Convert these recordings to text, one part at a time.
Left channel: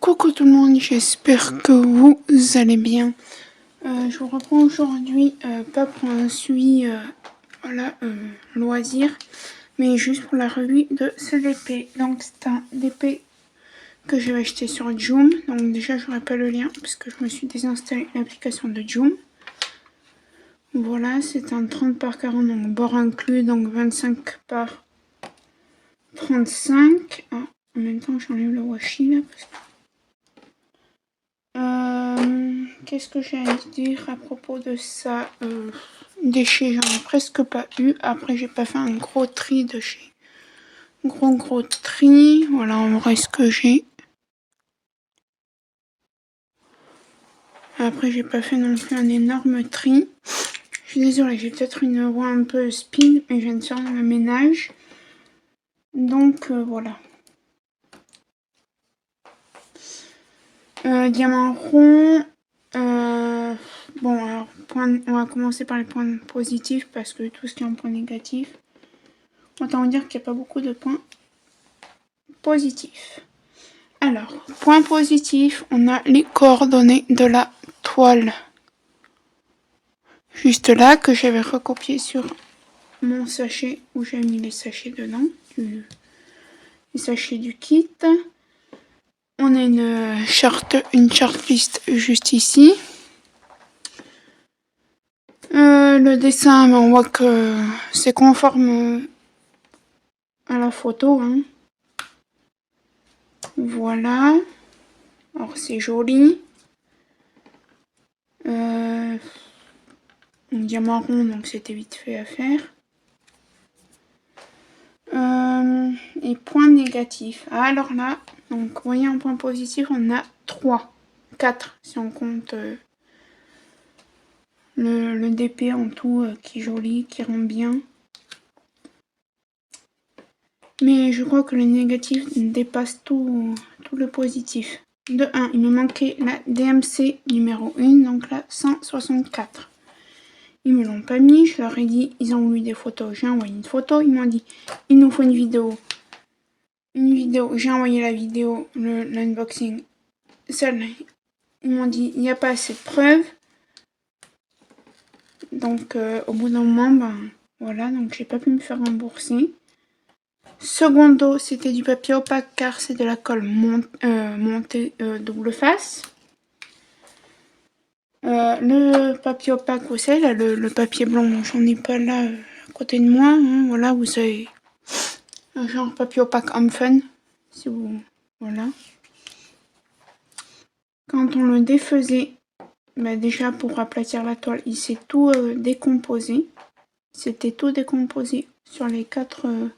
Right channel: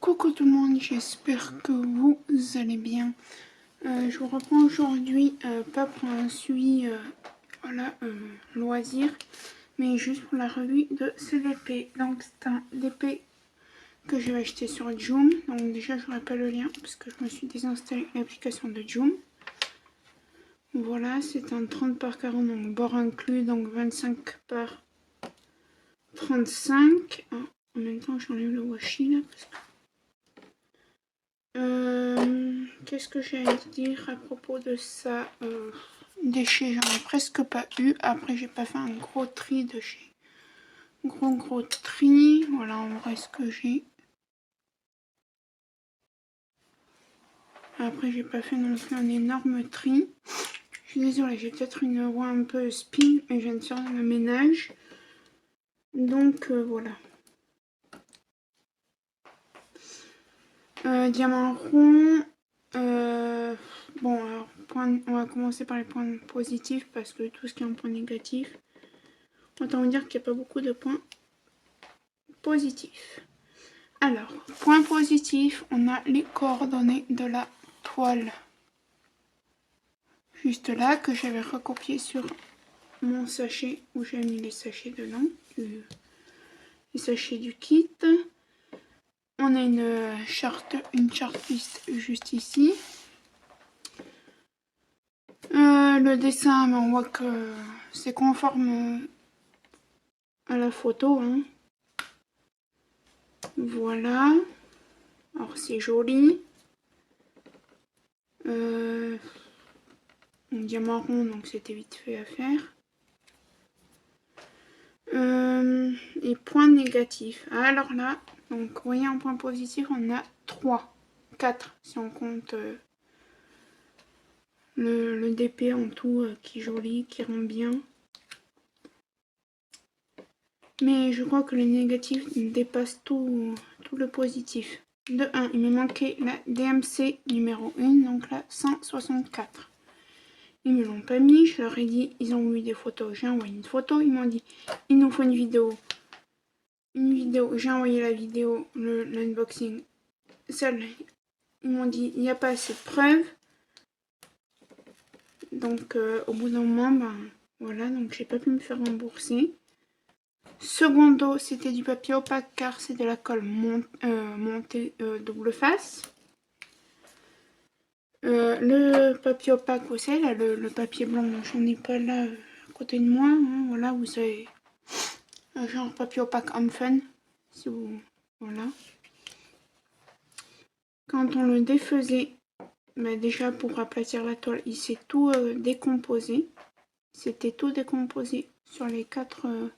Coucou tout le monde, j'espère que vous allez bien. Je vous reprends aujourd'hui, pas pour un suivi loisir, mais juste pour la revue de ce DP. Donc c'est un DP que j'avais acheté sur Joom. Donc déjà je vous rappelle le lien parce que je me suis désinstallé l'application de Joom. Voilà, c'est un 30 par 40, donc bord inclus, donc 25 par 35. Ah, en même temps j'enlève le washi là parce que... Qu'est-ce que j'ai à dire à propos de ça? Déchets, j'en ai presque pas eu. Après, j'ai pas fait un gros tri de chez. Gros tri. Voilà, en vrai, ce que j'ai. Après, j'ai pas fait non plus un énorme tri. Je suis désolée, j'ai peut-être une voix un peu speed, mais je viens de faire le ménage. Donc, voilà. Diamant rond. Bon, alors, on va commencer par les points positifs parce que tout ce qui est en point négatif, autant dire qu'il n'y a pas beaucoup de points positifs. Alors, point positif, on a les coordonnées de la toile. Juste là, que j'avais recopié sur mon sachet où j'ai mis les sachets dedans, les sachets du kit. On a une chartlist juste ici. Le dessin, on voit que c'est conforme à la photo. Hein. Voilà. Alors c'est joli. Un diamant rond, donc c'était vite fait à faire. Et points négatifs. Alors là, donc vous voyez en point positif, on a 4 si on compte le DP en tout qui est joli, qui rend bien. Mais je crois que le négatif dépasse tout le positif. De 1, il me manquait la DMC numéro 1, donc la 164. Ils me l'ont pas mis, je leur ai dit, ils ont eu des photos, j'ai envoyé une photo, ils m'ont dit, il nous faut une vidéo. J'ai envoyé la vidéo, l'unboxing. Celle, ils m'ont dit, il n'y a pas assez de preuves. Donc, au bout d'un moment, ben, voilà, donc j'ai pas pu me faire rembourser. Secondo, c'était du papier opaque car c'est de la colle montée double face. Le papier opaque, vous savez, là, le papier blanc, j'en ai pas là à côté de moi. Hein, voilà, vous avez un genre papier opaque homme fun. Si vous. Voilà. Quand on le défaisait, bah déjà pour aplatir la toile, il s'est tout décomposé. C'était tout décomposé sur les 4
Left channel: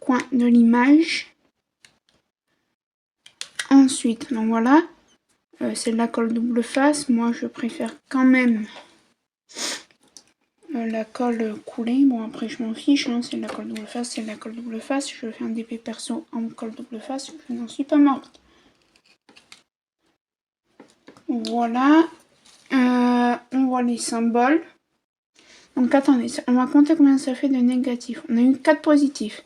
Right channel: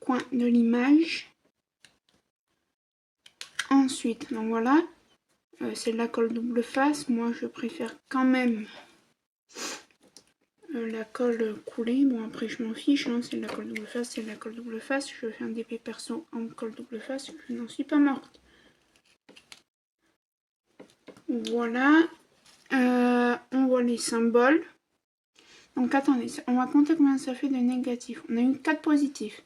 coins de l'image. Ensuite, donc voilà, c'est de la colle double face. Moi, je préfère quand même la colle coulée. Bon, après, je m'en fiche. Hein, c'est de la colle double face, c'est de la colle double face. Je fais un DP perso en colle double face. Je n'en suis pas morte. Voilà. On voit les symboles. Donc attendez, on va compter combien ça fait de négatifs. On a eu 4 positifs.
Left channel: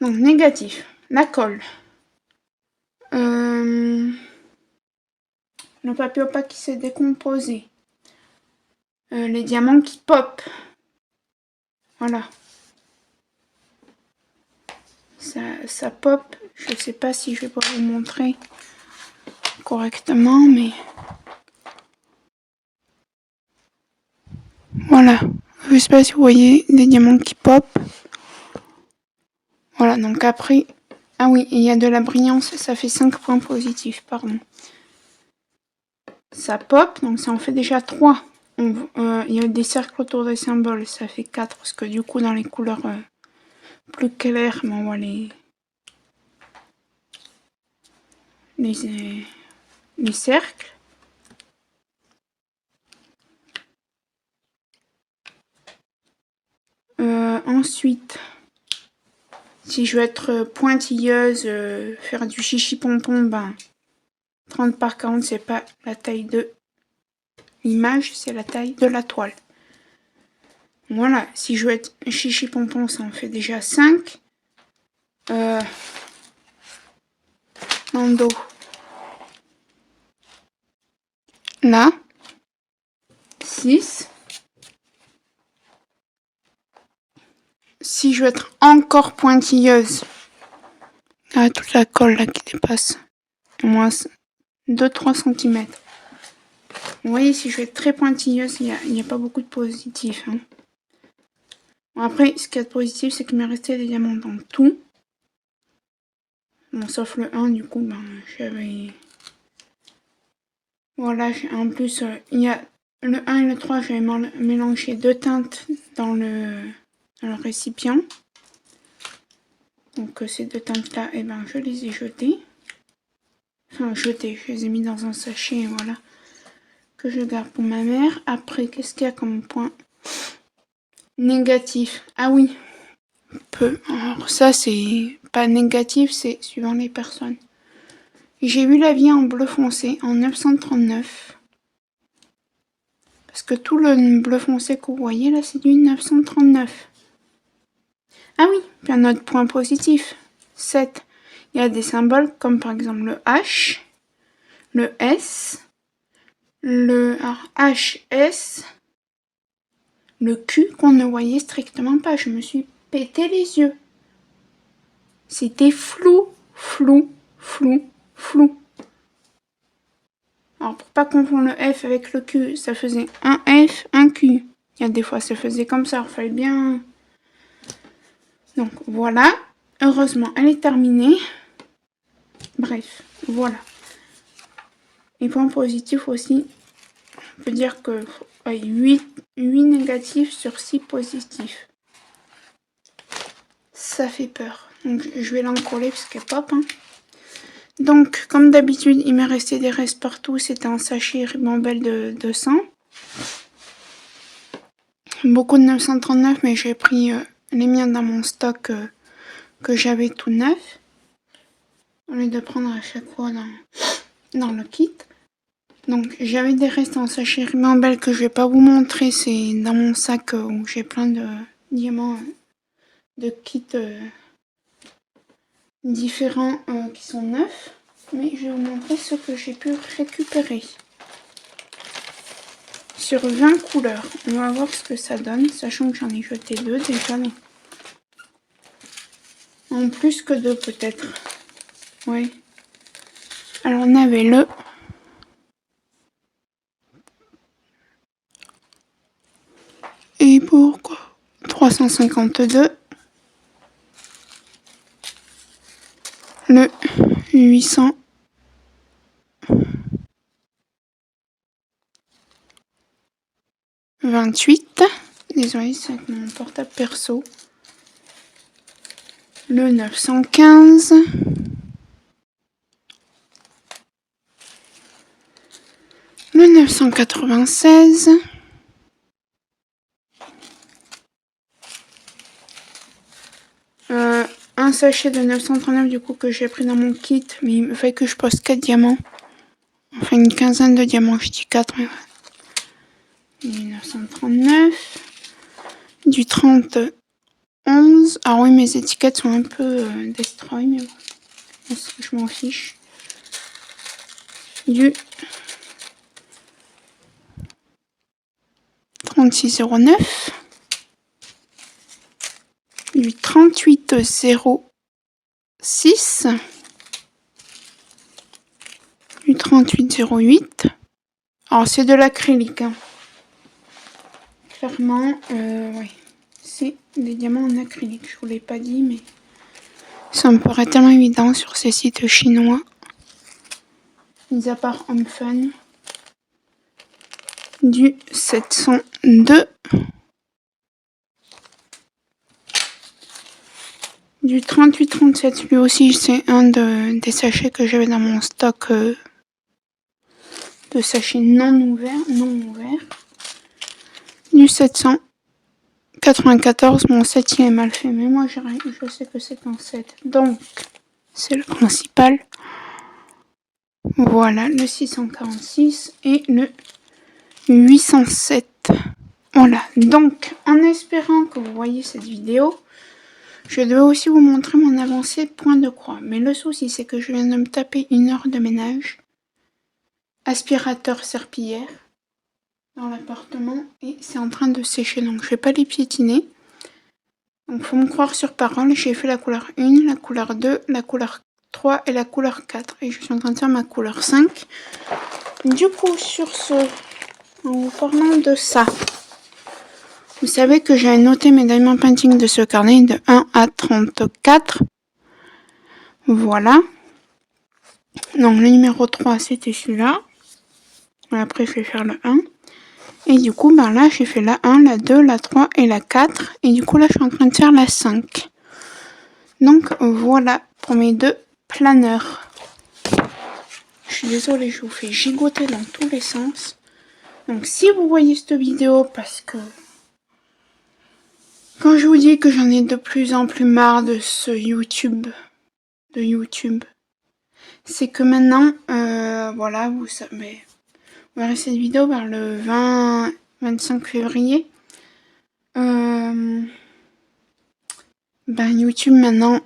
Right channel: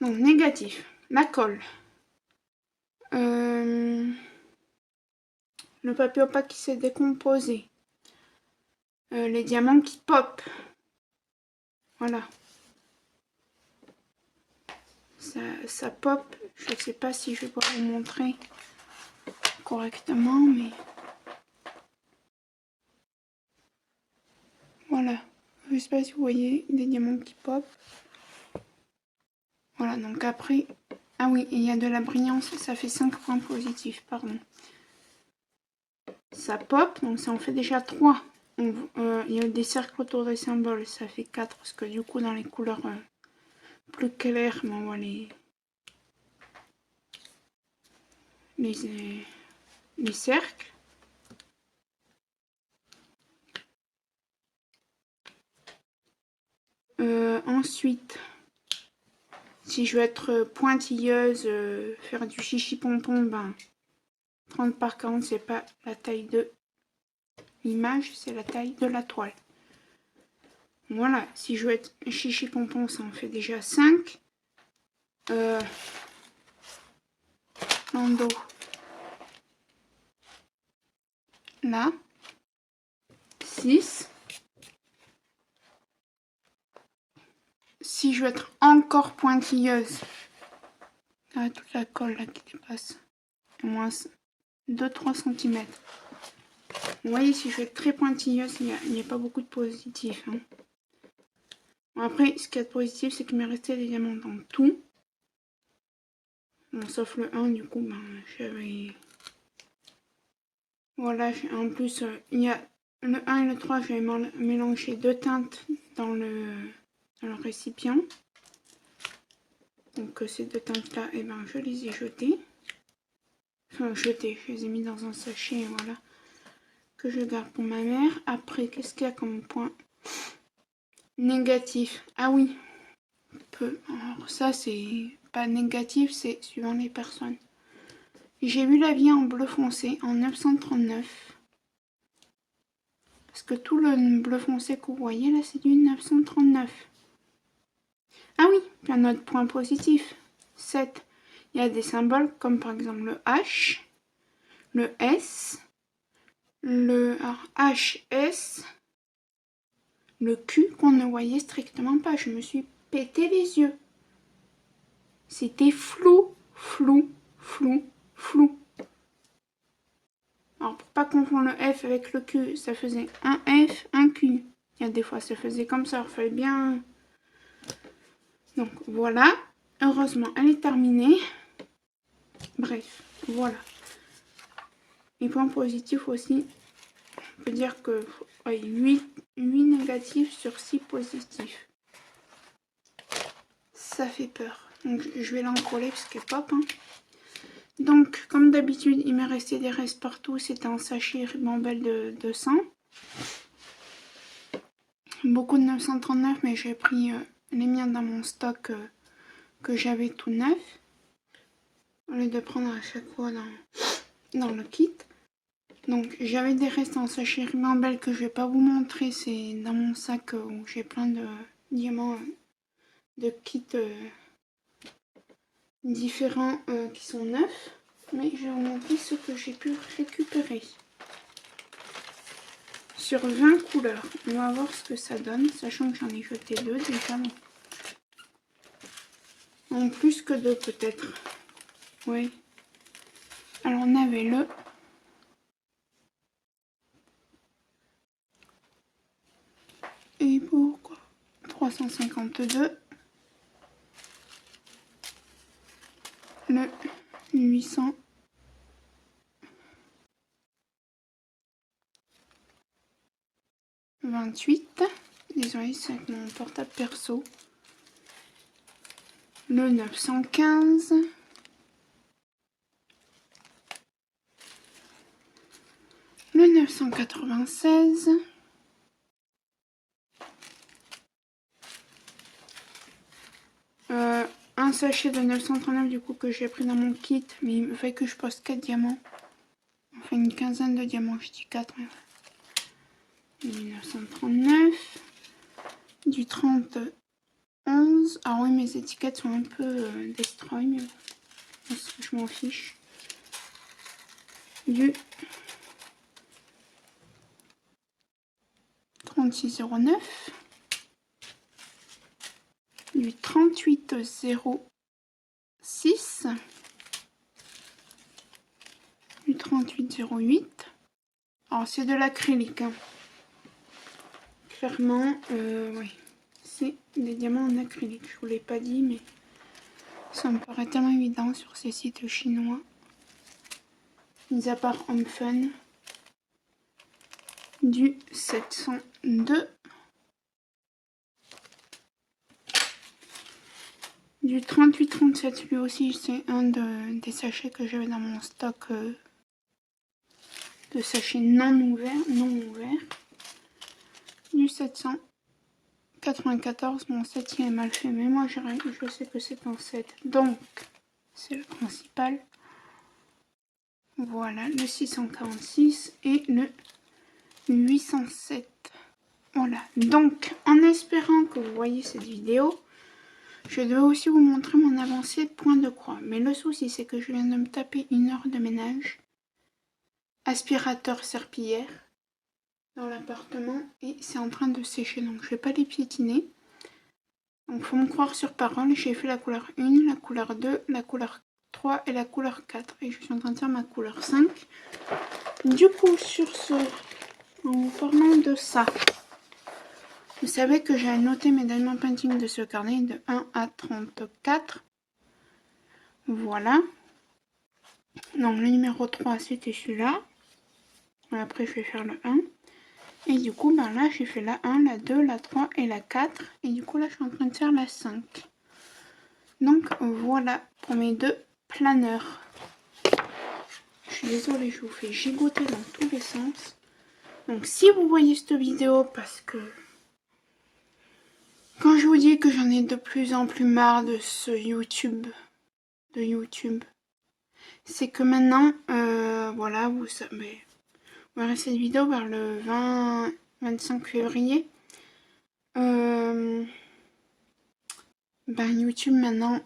Donc négatif, la colle. Le papier opaque qui s'est décomposé. Les diamants qui pop. Voilà. Ça pop. Je sais pas si je vais pouvoir vous montrer correctement, mais... Voilà. Je sais pas si vous voyez des diamants qui pop. Voilà, donc après... Ah oui, il y a de la brillance, ça fait 5 points positifs, pardon. Ça pop, donc ça en fait déjà 3. Il y a des cercles autour des symboles, ça fait 4, parce que du coup dans les couleurs plus claires, on voit les cercles. Ensuite, si je veux être pointilleuse, faire du chichi pompon, ben 30 par 40 c'est pas la taille de l'image, c'est la taille de la toile. Voilà, si je veux être chichi pompon, ça en fait déjà 5. En dos, là, 6. Si je veux être encore pointilleuse, là, toute la colle là qui dépasse, au moins 2-3 cm. Vous voyez, si je veux être très pointilleuse, il n'y a pas beaucoup de positifs. Hein. Bon, après, ce qu'il y a de positif, c'est qu'il m'est resté des diamants dans tout. Bon, sauf le 1, du coup, ben, j'avais... Voilà, en plus, il y a le 1 et le 3, j'avais mélangé 2 teintes dans le récipient. Donc ces 2 teintes-là, eh ben, je les ai jetées. Enfin, jetées, je les ai mis dans un sachet, voilà. Que je garde pour ma mère. Après, qu'est-ce qu'il y a comme point négatif? Ah oui, peu. Alors ça, c'est pas négatif, c'est suivant les personnes. J'ai eu la vie en bleu foncé en 939. Parce que tout le bleu foncé que vous voyez là, c'est du 939. Ah oui, puis un autre point positif. 7. Il y a des symboles comme par exemple le H, le S, le HS, le Q qu'on ne voyait strictement pas. Je me suis pété les yeux. C'était flou, flou, flou, flou. Alors pour pas confondre le F avec le Q, ça faisait un F, un Q. Il y a des fois ça faisait comme ça, il fallait bien... Donc voilà, heureusement elle est terminée. Bref, voilà. Les points positifs aussi, on peut dire que 8 négatifs sur 6 positifs. Ça fait peur. Donc je vais l'encoller parce qu'elle pop. Hein. Donc comme d'habitude, il m'est resté des restes partout. C'était un sachet Ribambelle de 200. Beaucoup de 939, mais j'ai pris les miens dans mon stock que j'avais tout neuf. Au lieu de prendre à chaque fois dans le kit. Donc j'avais des restes en sachet Ribambelle que je vais pas vous montrer. C'est dans mon sac où j'ai plein de diamants de kits différents qui sont neufs. Mais je vais vous montrer ce que j'ai pu récupérer. Sur 20 couleurs. On va voir ce que ça donne, sachant que j'en ai jeté 2 déjà. En plus que 2 peut-être. Oui. Alors on avait le... Et pourquoi 352. Le 828. Désolée, c'est mon portable perso. Le 915. Le 996. Un sachet de 939 du coup que j'ai pris dans mon kit, mais il me fait que je pose 4 diamants. Enfin une quinzaine de diamants, je dis 4, mais ouais. 1939. Du 30 11. Ah oui, mes étiquettes sont un peu destroy, mais bon, je m'en fiche. Du 3609. Du 3806. Du 3808. Alors c'est de l'acrylique. Hein. Clairement, ouais. C'est des diamants en acrylique. Je vous l'ai pas dit, mais ça me paraît tellement évident sur ces sites chinois. Mis à part Home Fun. Du 702. Du 3837, lui aussi c'est un des sachets que j'avais dans mon stock de sachets non ouverts. Du 794, mon 7 il est mal fait, mais moi je sais que c'est un 7, donc c'est le principal. Voilà, le 646 et le 807. Voilà, donc en espérant que vous voyez cette vidéo, je devais aussi vous montrer mon avancée point de croix. Mais le souci, c'est que je viens de me taper 1 heure de ménage. aspirateur serpillière dans l'appartement et c'est en train de sécher, donc je vais pas les piétiner. Donc faut me croire sur parole, j'ai fait la couleur 1, la couleur 2, la couleur 3 et la couleur 4 et je suis en train de faire ma couleur 5. Du coup sur ce, en vous parlant de ça, vous savez que j'ai noté mes diamond painting de ce carnet de 1 à 34. Voilà. Donc le numéro 3 c'était celui-là. Après je vais faire le 1. Et du coup ben là j'ai fait la 1, la 2, la 3 et la 4. Et du coup là je suis en train de faire la 5. Donc voilà pour mes deux planeurs. Je suis désolée, je vous fais gigoter dans tous les sens. Donc si vous voyez cette vidéo, parce que quand je vous dis que j'en ai de plus en plus marre de ce YouTube, c'est que maintenant, voilà, vous savez, on va rester cette vidéo vers le 20-25 février. Ben YouTube maintenant,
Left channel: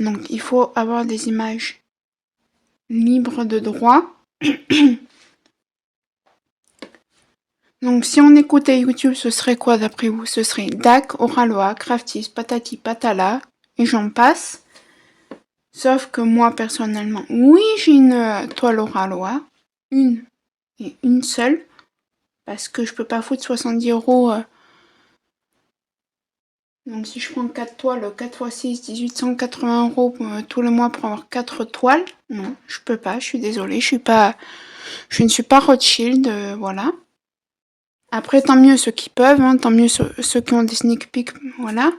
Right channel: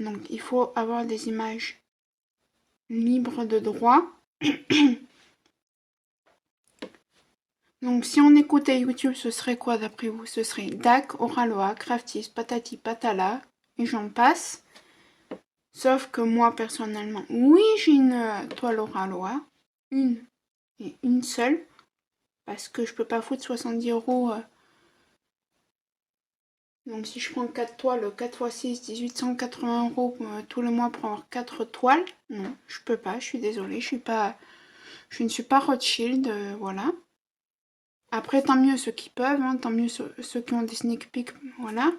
donc il faut avoir des images libres de droit. Donc si on écoutait YouTube, ce serait quoi d'après vous? Ce serait DAC, Oraloa, Craftis, Patati Patala, et j'en passe. Sauf que moi personnellement, oui j'ai une toile Oraloa, une et une seule, parce que je peux pas foutre 70 €. Donc si je prends 4 toiles, 4 x 6, 1880 € tous les mois pour avoir 4 toiles, non, je peux pas, je suis désolée, je ne suis pas Rothschild, voilà. Après, tant mieux ceux qui peuvent, hein, tant mieux ceux qui ont des sneak peeks, voilà.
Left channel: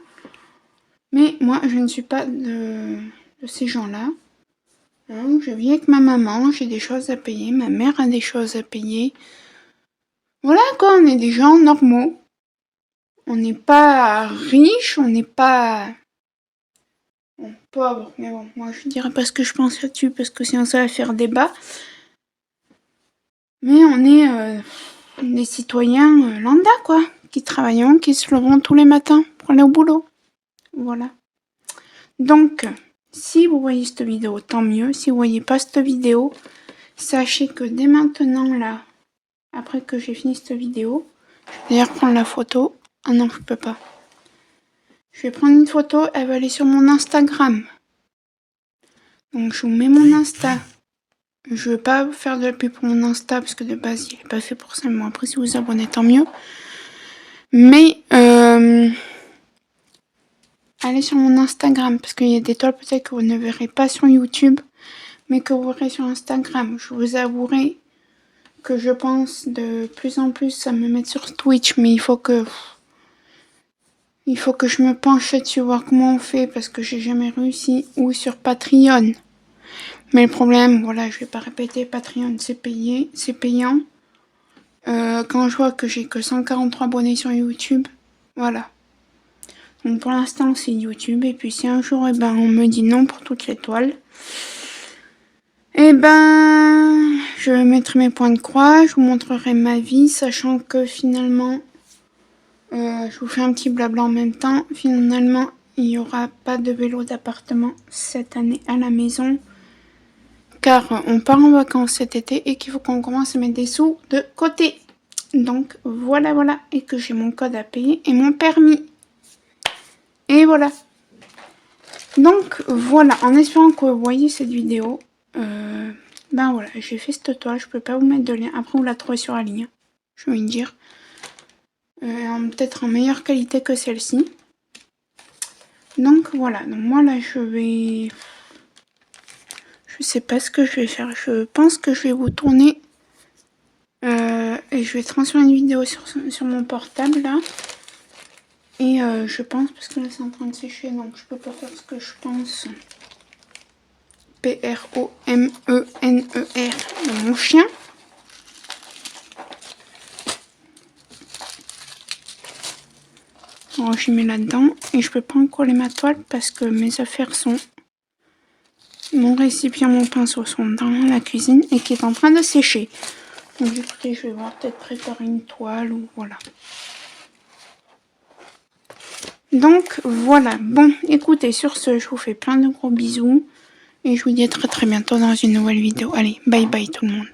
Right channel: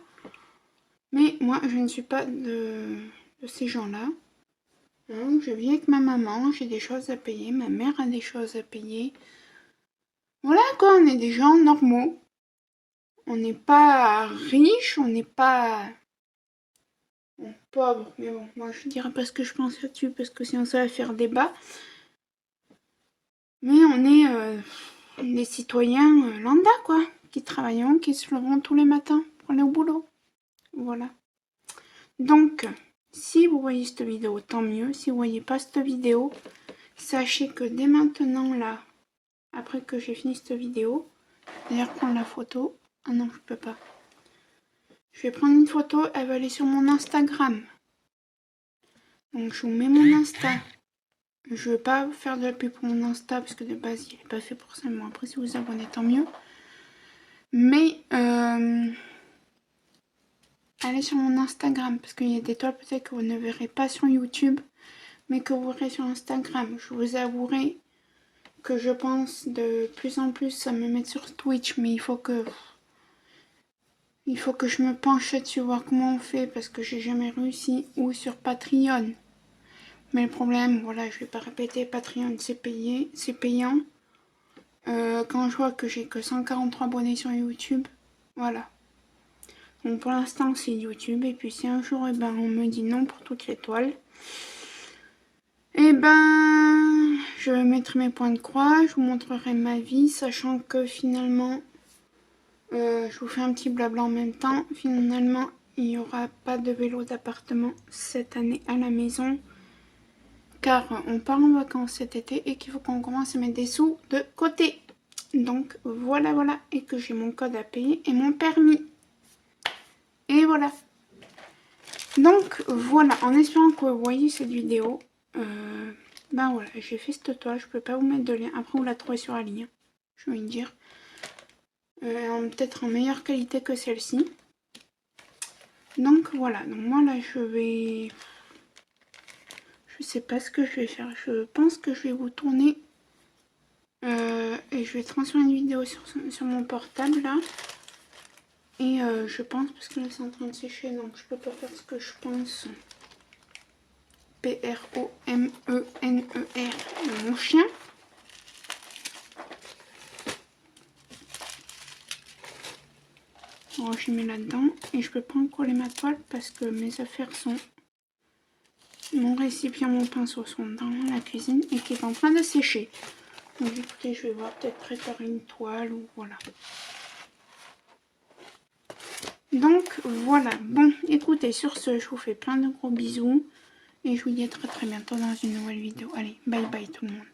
Mais moi, je ne suis pas de ces gens-là. Hein, je vis avec ma maman, j'ai des choses à payer, ma mère a des choses à payer. Voilà quoi, on est des gens normaux. On n'est pas riches, on n'est pas pauvres. Mais bon, moi je dirais pas ce que je pense là-dessus parce que sinon ça va faire débat. Mais on est des citoyens lambda quoi, qui travaillent, qui se lèveront tous les matins pour aller au boulot. Voilà. Donc, si vous voyez cette vidéo, tant mieux. Si vous voyez pas cette vidéo, sachez que dès maintenant, là, après que j'ai fini cette vidéo, je vais d'ailleurs prendre la photo. Ah non, je peux pas. Je vais prendre une photo, elle va aller sur mon Instagram. Donc, je vous mets mon Insta. Je veux pas vous faire de la pub pour mon Insta parce que de base, il est pas fait pour ça. Mais bon, après, si vous vous abonnez, tant mieux. Mais, allez sur mon Instagram parce qu'il y a des toiles peut-être que vous ne verrez pas sur YouTube, mais que vous verrez sur Instagram. Je vous avouerai que je pense de plus en plus à me mettre sur Twitch, mais il faut que je me penche là-dessus, voir comment on fait, parce que j'ai jamais réussi, ou sur Patreon. Mais le problème, voilà, je vais pas répéter, Patreon c'est payé, c'est payant. Quand je vois que j'ai que 143 abonnés sur YouTube, voilà. Donc pour l'instant c'est YouTube, et puis si un jour eh ben, on me dit non pour toutes les toiles, eh ben je mettrai mes points de croix, je vous montrerai ma vie, sachant que finalement, je vous fais un petit blabla en même temps, finalement il n'y aura pas de vélo d'appartement cette année à la maison, car on part en vacances cet été et qu'il faut qu'on commence à mettre des sous de côté. Donc voilà, et que j'ai mon code à payer et mon permis. Et voilà. Donc voilà, en espérant que vous voyez cette vidéo, ben voilà, j'ai fait cette toile, je peux pas vous mettre de lien, après vous la trouvez sur la ligne, je vais dire. Peut-être en meilleure qualité que celle-ci. Donc voilà, donc moi là je sais pas ce que je vais faire, je pense que je vais vous tourner et je vais transférer une vidéo sur mon portable là. Et je pense, parce que là c'est en train de sécher, donc je peux pas faire ce que je pense. P-R-O-M-E-N-E-R, mon chien. Alors j'y mets là-dedans et je peux pas coller ma toile parce que mes affaires sont... Mon récipient, mon pinceau sont dans la cuisine et qui est en train de sécher. Donc écoutez, je vais voir peut-être préparer une toile ou voilà. Donc voilà, bon écoutez, sur ce je vous fais plein de gros bisous. Et je vous dis à très très bientôt dans une nouvelle vidéo. Allez, bye bye tout le monde.